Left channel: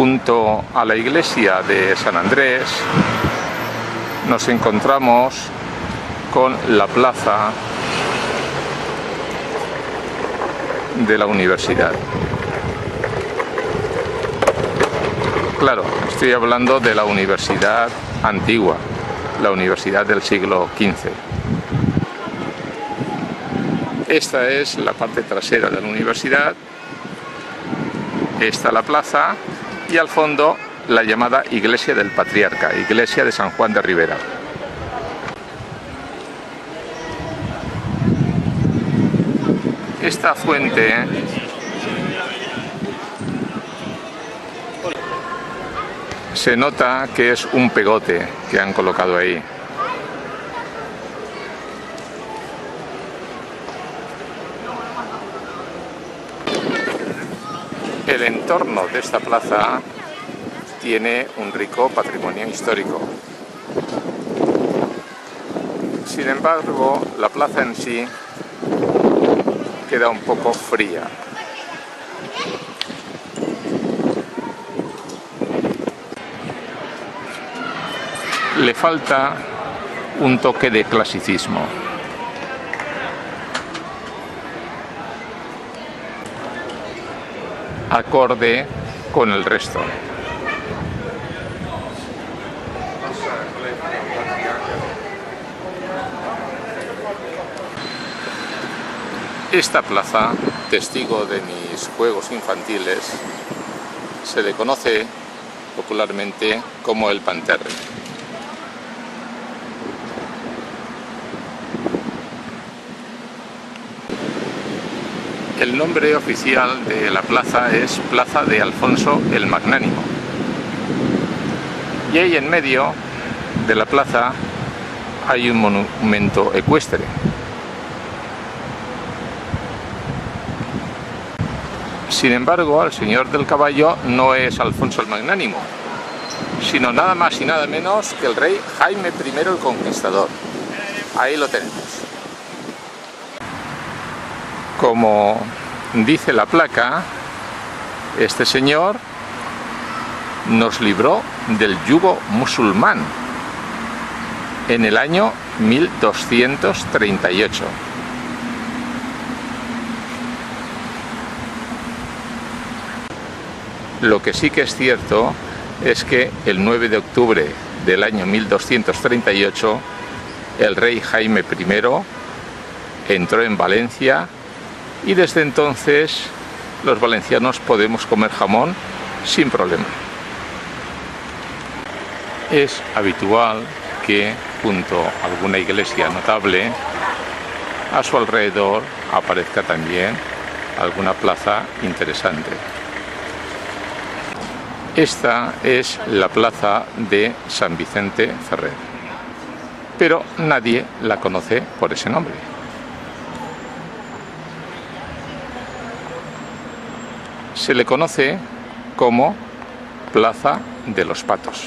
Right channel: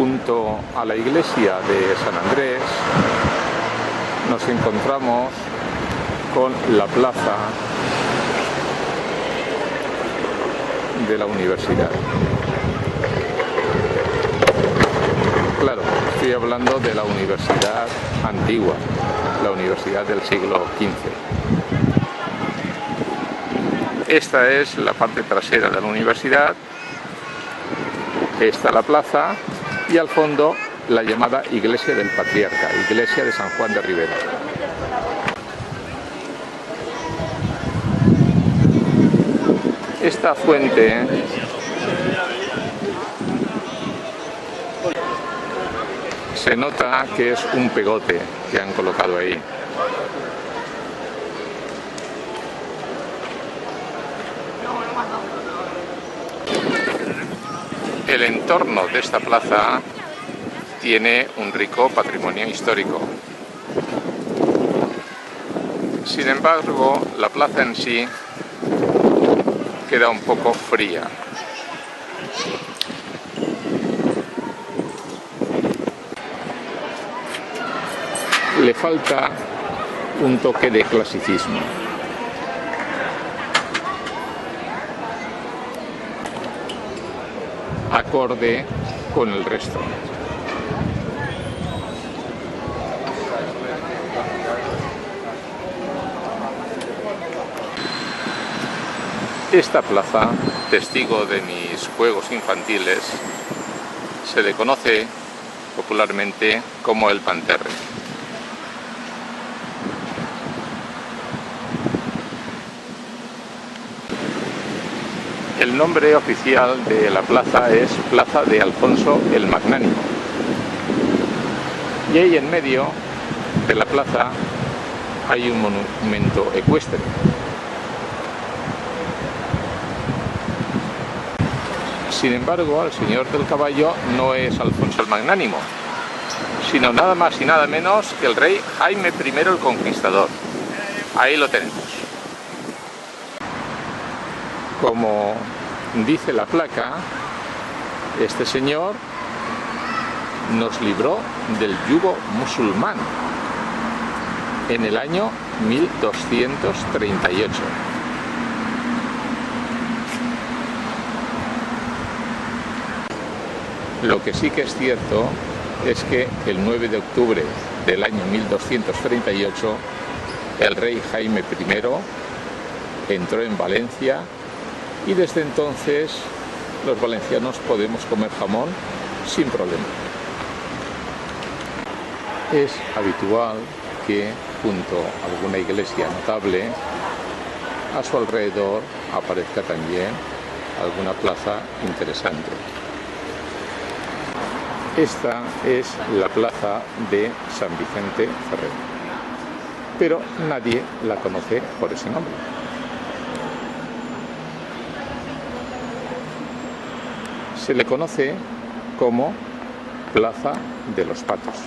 Junto a la iglesia de San Andrés nos encontramos con la plaza de la universidad. Claro, estoy hablando de la universidad antigua, la universidad del siglo XV. Esta es la parte trasera de la universidad, está la plaza y al fondo la llamada Iglesia del Patriarca, Iglesia de San Juan de Ribera. Esta fuente se nota que es un pegote que han colocado ahí. El entorno de esta plaza tiene un rico patrimonio histórico. Sin embargo, la plaza en sí queda un poco fría. Le falta un toque de clasicismo. Acorde con el resto. Esta plaza, testigo de mis juegos infantiles, se le conoce popularmente como el Panterre. El nombre oficial de la plaza es Plaza de Alfonso el Magnánimo. Y ahí en medio de la plaza hay un monumento ecuestre. Sin embargo, el señor del caballo no es Alfonso el Magnánimo, sino nada más y nada menos que el rey Jaime I el Conquistador. Ahí lo tenemos. Como dice la placa, este señor nos libró del yugo musulmán en el año 1238. Lo que sí que es cierto es que el 9 de octubre del año 1238 el rey Jaime I entró en Valencia y desde entonces los valencianos podemos comer jamón sin problema. Es habitual que junto a alguna iglesia notable a su alrededor aparezca también alguna plaza interesante. Esta es la plaza de San Vicente Ferrer, pero nadie la conoce por ese nombre. Se le conoce como Plaza de los Patos.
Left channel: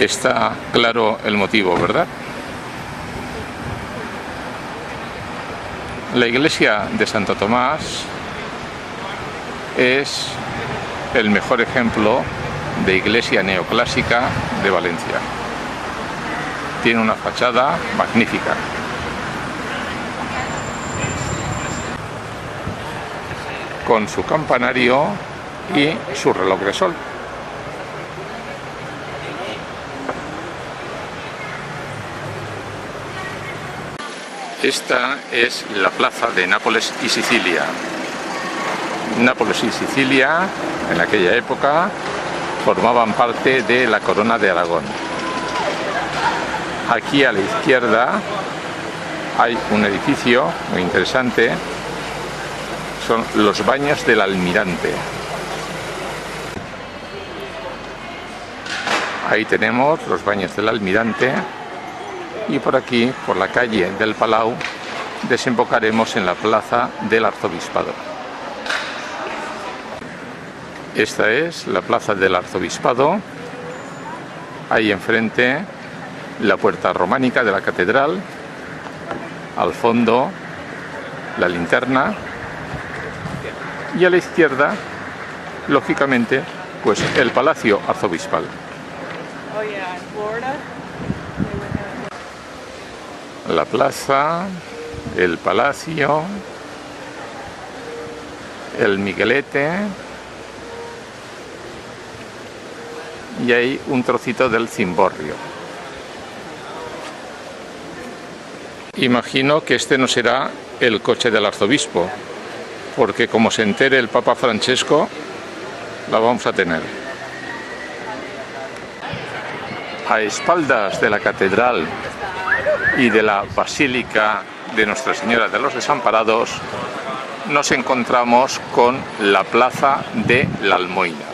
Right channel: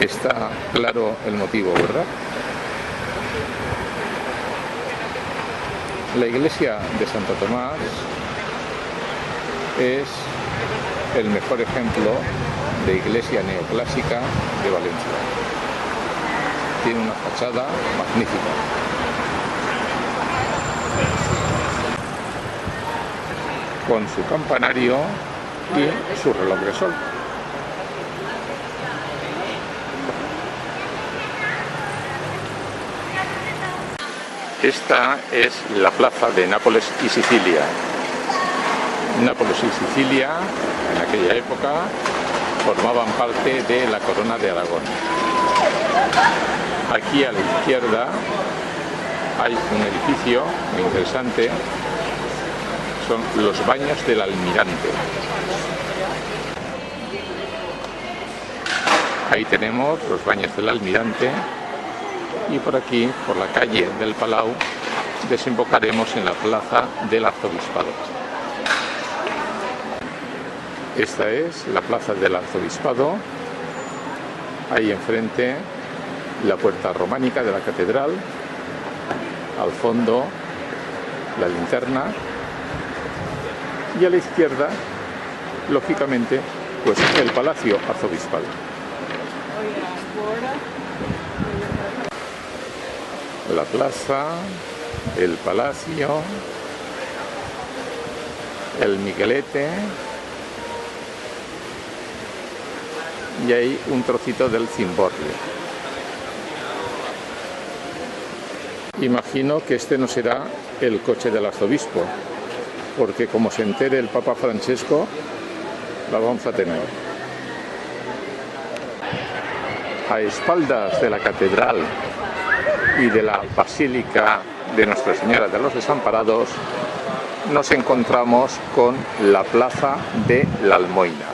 Está claro el motivo, ¿verdad? La iglesia de Santo Tomás es el mejor ejemplo de iglesia neoclásica de Valencia. Tiene una fachada magnífica. Con su campanario y su reloj de sol. Esta es la plaza de Nápoles y Sicilia. Nápoles y Sicilia, en aquella época, formaban parte de la corona de Aragón. Aquí a la izquierda hay un edificio muy interesante. Son los baños del Almirante. Ahí tenemos los baños del Almirante y por aquí, por la calle del Palau, desembocaremos en la plaza del Arzobispado. Esta es la plaza del Arzobispado. Ahí enfrente la puerta románica de la catedral, al fondo la linterna y a la izquierda lógicamente, pues el Palacio Arzobispal. La plaza, el palacio, el Miguelete y hay un trocito del cimborrio. Imagino que este no será el coche del arzobispo, porque como se entere el Papa Francesco, la vamos a tener. A espaldas de la catedral y de la Basílica de Nuestra Señora de los Desamparados, nos encontramos con la Plaza de la Almoina.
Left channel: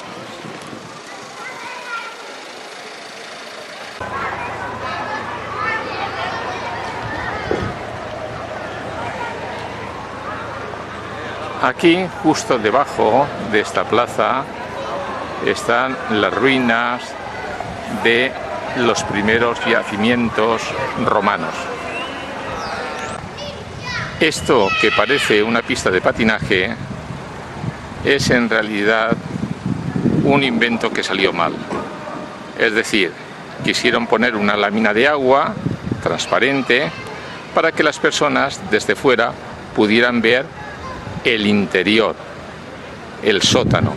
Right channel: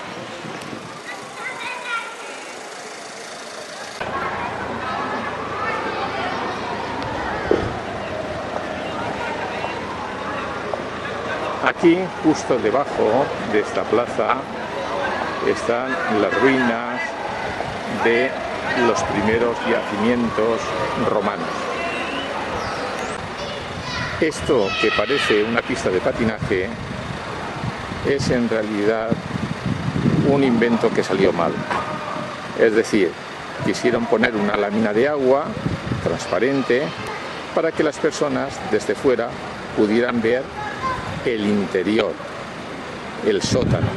Aquí, justo debajo de esta plaza, están las ruinas de los primeros yacimientos romanos. Esto que parece una pista de patinaje es en realidad un invento que salió mal. Es decir, quisieron poner una lámina de agua transparente para que las personas desde fuera pudieran ver el interior, el sótano,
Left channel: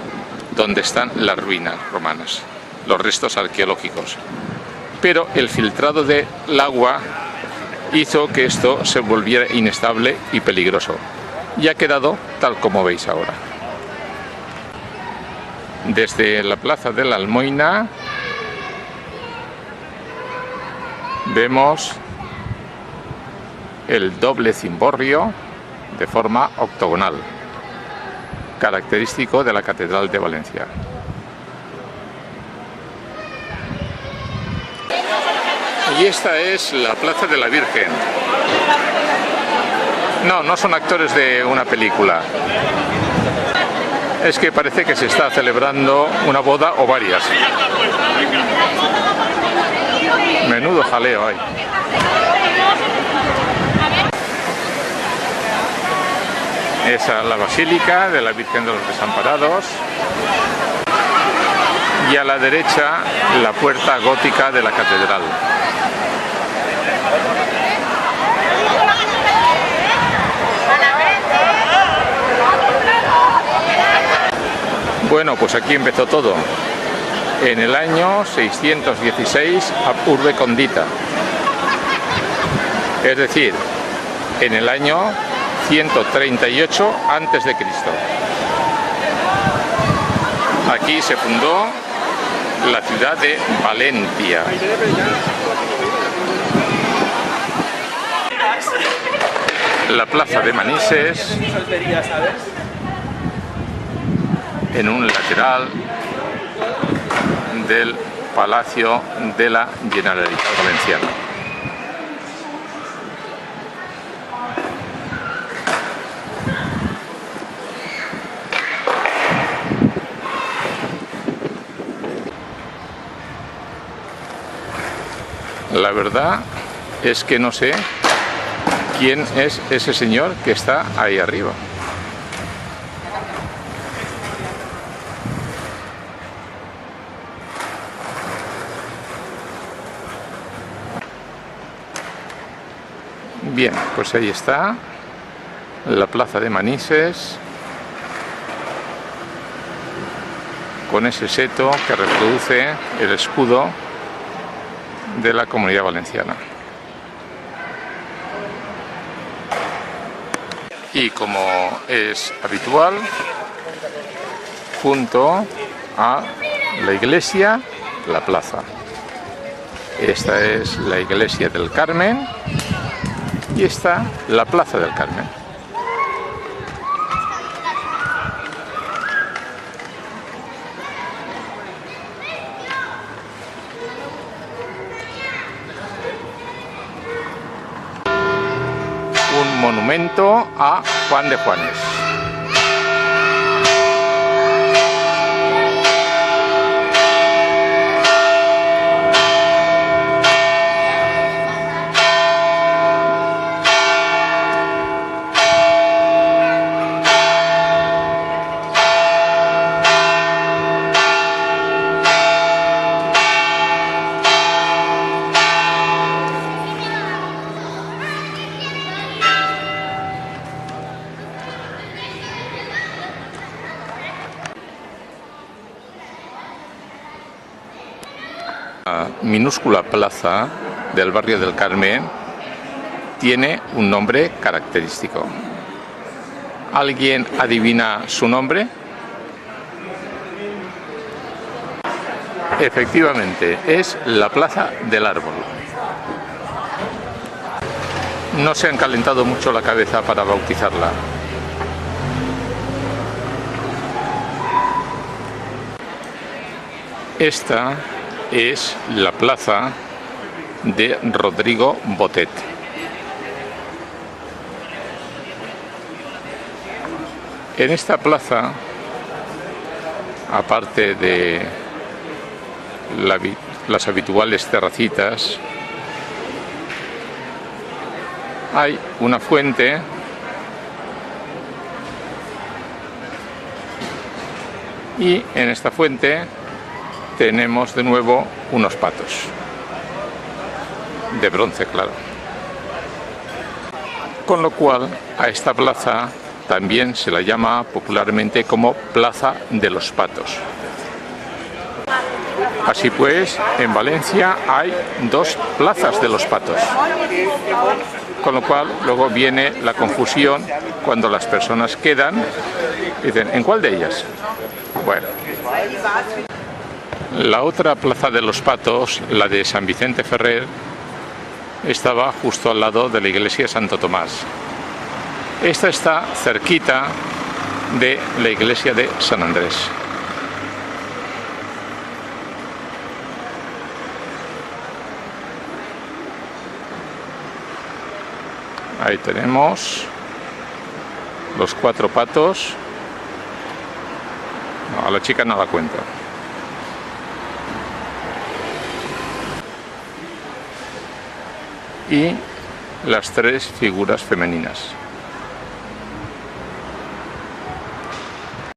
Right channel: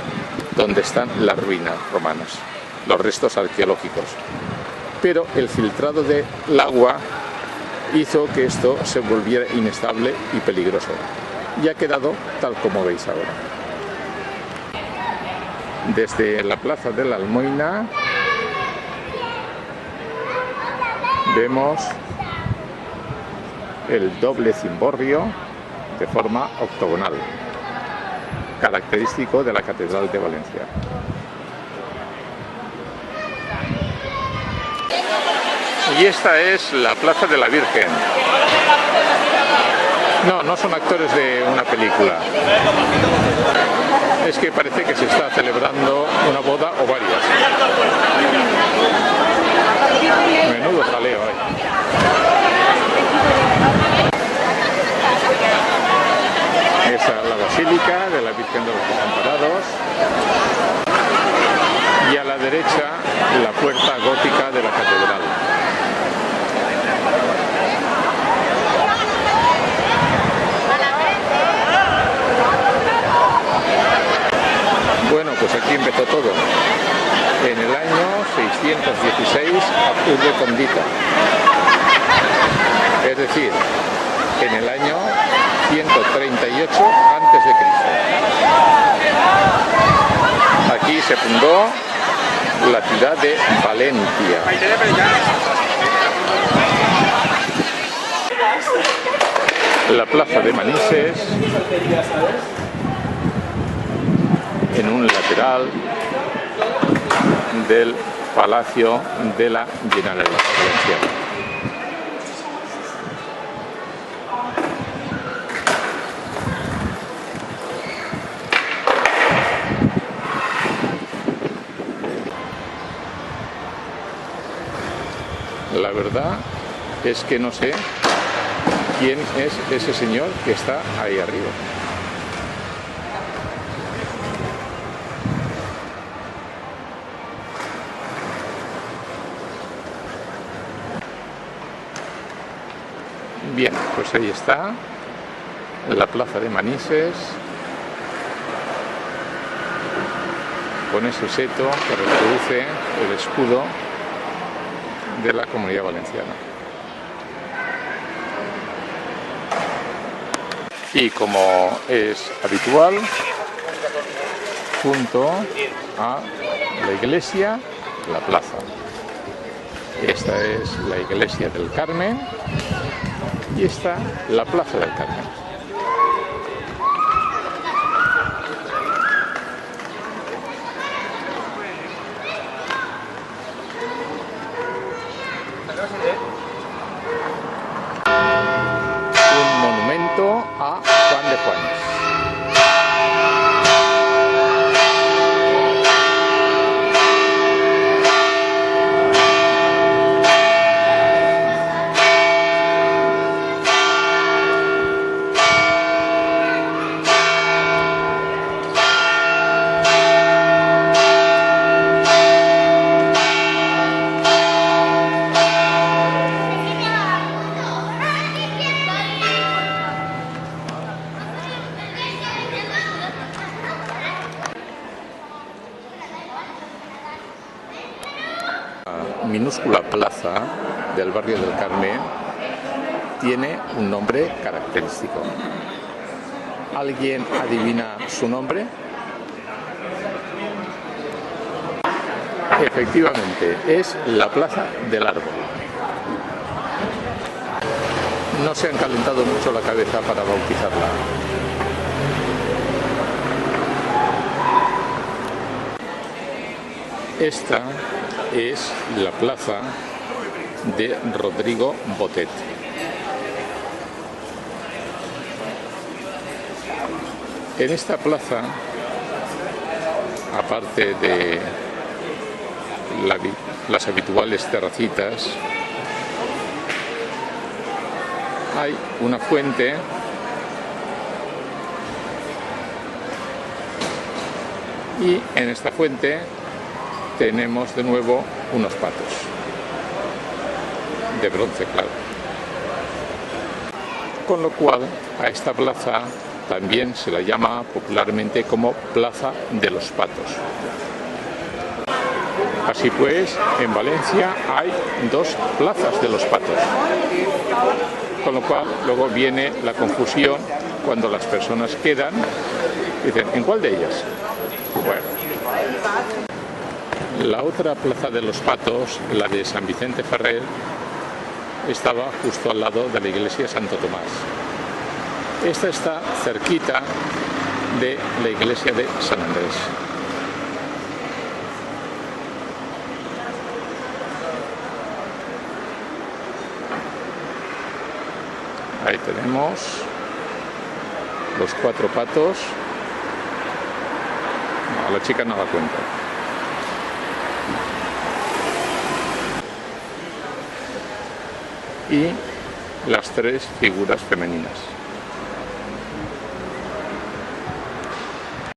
donde están las ruinas romanas, los restos arqueológicos. Pero el filtrado del agua hizo que esto se volviera inestable y peligroso. Y ha quedado tal como veis ahora. Desde la Plaza de la Almoina vemos el doble cimborrio de forma octogonal, característico de la Catedral de Valencia. Y esta es la Plaza de la Virgen. No, no son actores de una película. Es que parece que se está celebrando una boda o varias. Menudo jaleo hay. Esa es la Basílica de la Virgen de los Desamparados. Y a la derecha la puerta gótica de la catedral. Bueno, pues aquí empezó todo. En el año 616 ab urbe condita. Es decir, en el año 138 a.C. Aquí se fundó la ciudad de Valencia. La plaza de Manises, en un lateral del Palacio de la Generalitat Valenciana. La verdad es que no sé quién es ese señor que está ahí arriba. Bien, pues ahí está la plaza de Manises, con ese seto que reproduce el escudo de la Comunidad Valenciana. Y como es habitual, junto a la iglesia, la plaza. Esta es la iglesia del Carmen y está la plaza del Carmen. Un monumento a Juan de Juanes. La minúscula plaza del barrio del Carmen tiene un nombre característico. ¿Alguien adivina su nombre? Efectivamente, es la Plaza del Árbol. No se han calentado mucho la cabeza para bautizarla. Esta es la plaza de Rodrigo Botet. En esta plaza, aparte de las habituales terracitas, hay una fuente y en esta fuente tenemos de nuevo unos patos de bronce, claro. Con lo cual a esta plaza también se la llama popularmente como Plaza de los Patos. Así pues, en Valencia hay dos plazas de los patos. Con lo cual luego viene la confusión cuando las personas quedan y dicen, ¿en cuál de ellas? Bueno. La otra Plaza de los Patos, la de San Vicente Ferrer, estaba justo al lado de la iglesia Santo Tomás. Esta está cerquita de la iglesia de San Andrés. Ahí tenemos los cuatro patos. No, a la chica no la cuento. Y las tres figuras femeninas.